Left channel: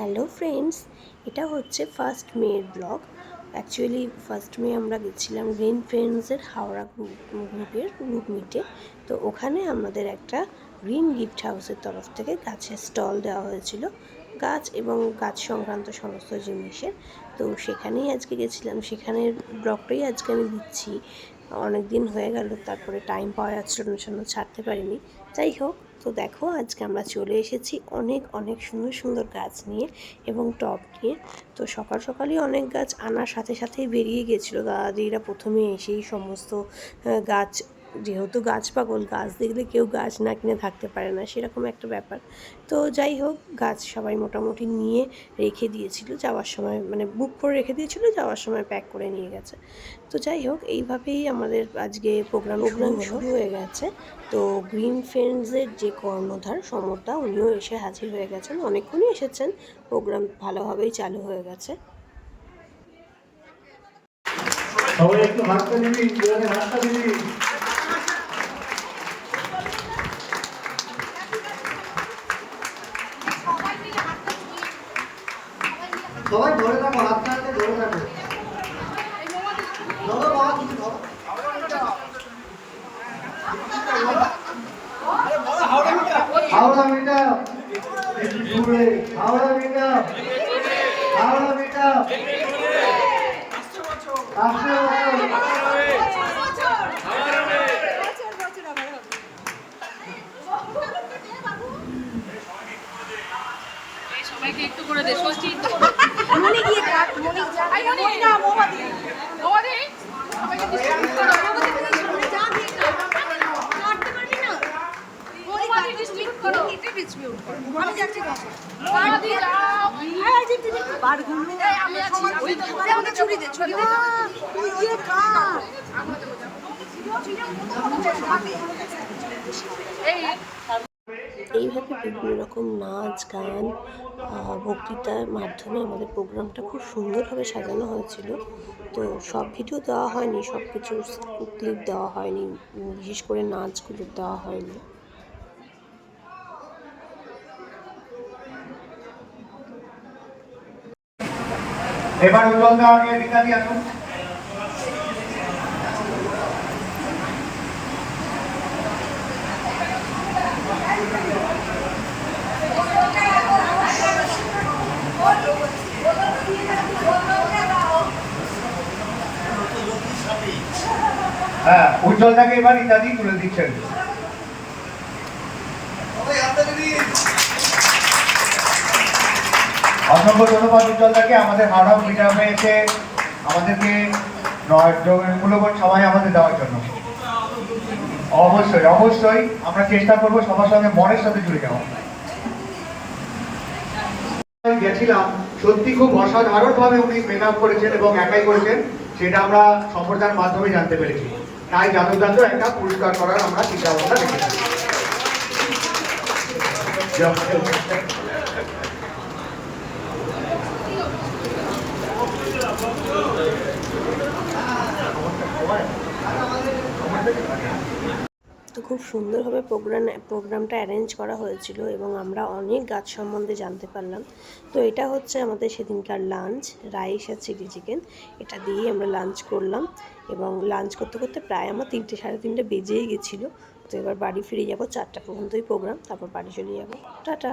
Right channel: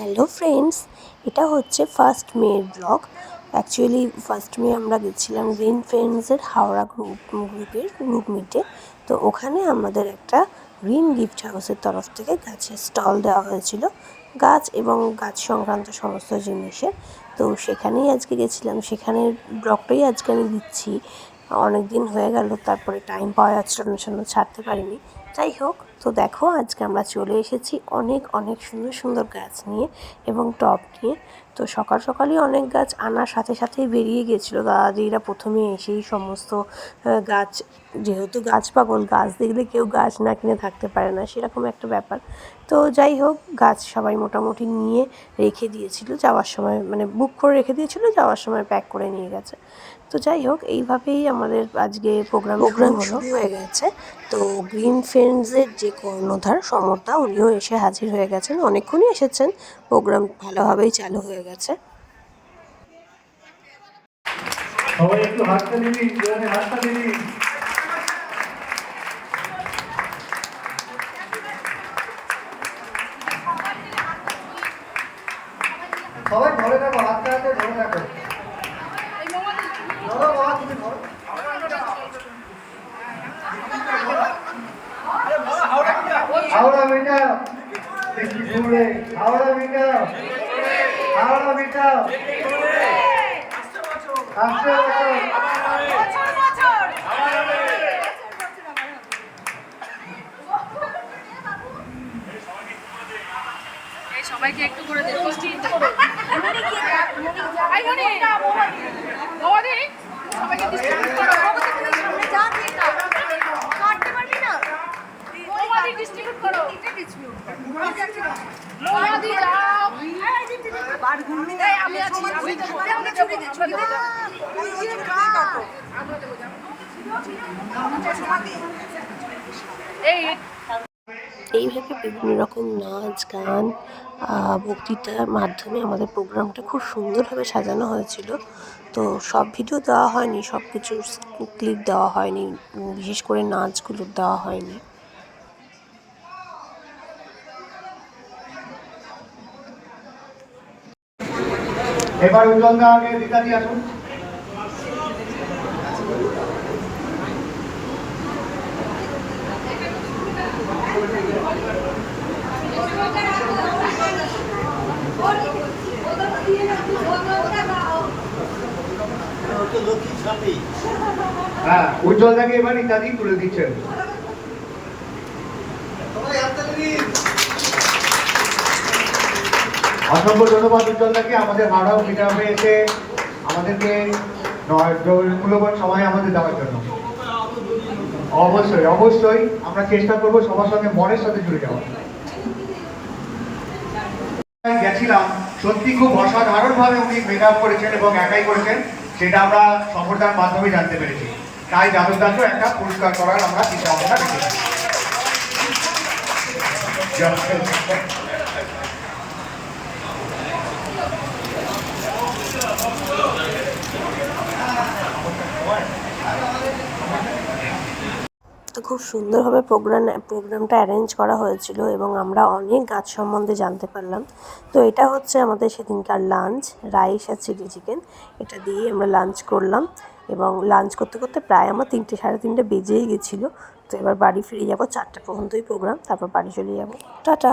Hello friends এটা হচ্ছে first মেয়ের ব্লগ অ্যাকচুয়ালি ফার্স্ট মে আমরা গেছিলাম গ্রিন ফ্রেন্ডসের হাওড়া গ্রুপ গ্রুপের গ্রুপ মিটে তো ওখানে আমাদের একটা গ্রিন গিফট হাউসের তরফ থেকে গাছের স্টল দেওয়া হয়েছিল। গাছ এবং গাছ সংক্রান্ত সমস্ত জিনিসের। তো সেখানেই আজকে গেছিলাম। সেখানের ব্লগটাই আজকে আমি দিচ্ছি। অনেক দিন হয়ে গেল, তারপরে টাইম পাওয়া যাচ্ছিল না ছাড়তে পারিনি। যাই হোক তো দেখো আজকে আমরা চলে এসেছি অনেক অনেক সুন্দর সুন্দর গাছ নিয়ে এবং টব নিয়ে। তো সকাল সকালই অনেক গাছ আনার সাথে সাথেই বেরিয়ে গেছিল। দাদিরা প্রথমে এসেই সমস্ত গাছ, যেহেতু গাছ পাগল গাছ দেখলে কেউ গাছ না কিনে থাকতে পারে না, সেরকম একটা ব্যাপার। তো যাই হোক গাছ সবাই মোটামুটি নিয়ে রেখে দিয়েছিল, যাওয়ার সময় মানে বুক করে রেখে দিয়েছিল, যাওয়ার সময় প্যাক করে নিয়ে গেছে। তো যাই হোক এইভাবেই আমাদের আজকে প্রোগ্রাম প্রোগ্রাম শুরু হয়ে গেছে। তো গ্রিন ফ্রেন্ডসের যে কর্ণধার সমর্থা উনিও এসে হাজির হয়ে গেছেন। অনেকক্ষণই এসেছেন। প্রোগ্রাম ভালোভাবেই চালু হয়ে গেছে। সবাই একটু হাতটা দিবি হাতটা দিবি সবাই ধরে থাকো হাতটা হাতে ধরে থাকো ধরো বাবা তুমি ধরো হাওড়া একটু হাওড়া বেটা হাওড়া বছর। সবাইকে একটু করে দে ষষ্ঠী। মনি মনি সবাইকে এইভাবে বিভিন্ন রকম নাচ, গান বক্তৃতার মাধ্যমে আমাদের প্রোগ্রামটা খুব সুন্দরভাবে সাজানো হয়েছিল। তো সব ভিডিও দেওয়া হয়নি সব কিছু ক্লিপ দেওয়া হয়নি বিশেষ করে নাচগুলো দেওয়া হয়নি। এবার উজ্জ্বল উজ্জ্বলদা আগে রীতাদি আসুন। হ্যাঁ উজ্জ্বলদাকে এবার ইত্যাদি তুলে দিচ্ছেন। অসংখ্য ধন্যবাদ উজ্জ্বলদাকে আমাদের মানব মিটাপে এসে আমাদেরকে মূল্যবান সময় আমাদের দেওয়ার জন্য। অবশ্যই অবশ্যই আমরা চেষ্টা করব সবার সঙ্গে মনের সাথে জুড়ে যাওয়া গেছিলাম, সত্যি খুব অসাধারণ ভাবে উনি মেকআপ করেছেন এবং একাই করেছেন, সেটা আমরা সম্প্রদায়ের মাধ্যমে জানতে পেরেছি। তাই জাদুদাকে একটা পুরস্কার করার আমরা চিন্তা ভাবনা রেখেছি খুব সুন্দরভাবে প্রোগ্রাম প্রোগ্রামটা অ্যারেঞ্জ করা হয়েছিল এবং আমরা অনেক গাছ সম্বন্ধে জানতে পারলাম। তো এটা হচ্ছে আমাদের সেদিনকার লাঞ্চ রাইস আর চিলি চিকেন এটা দিয়ে আমরা লাঞ্চ করলাম এবং লাঞ্চ করতে করতে প্রায় আমার তিনটে, সাড়ে তিনটে বেজেই গেছিল। তো এবার বাড়ি ফিরে যাব চারটা পর্যন্তই প্রোগ্রাম তারপর বাড়ি চলে যাব। টাটা!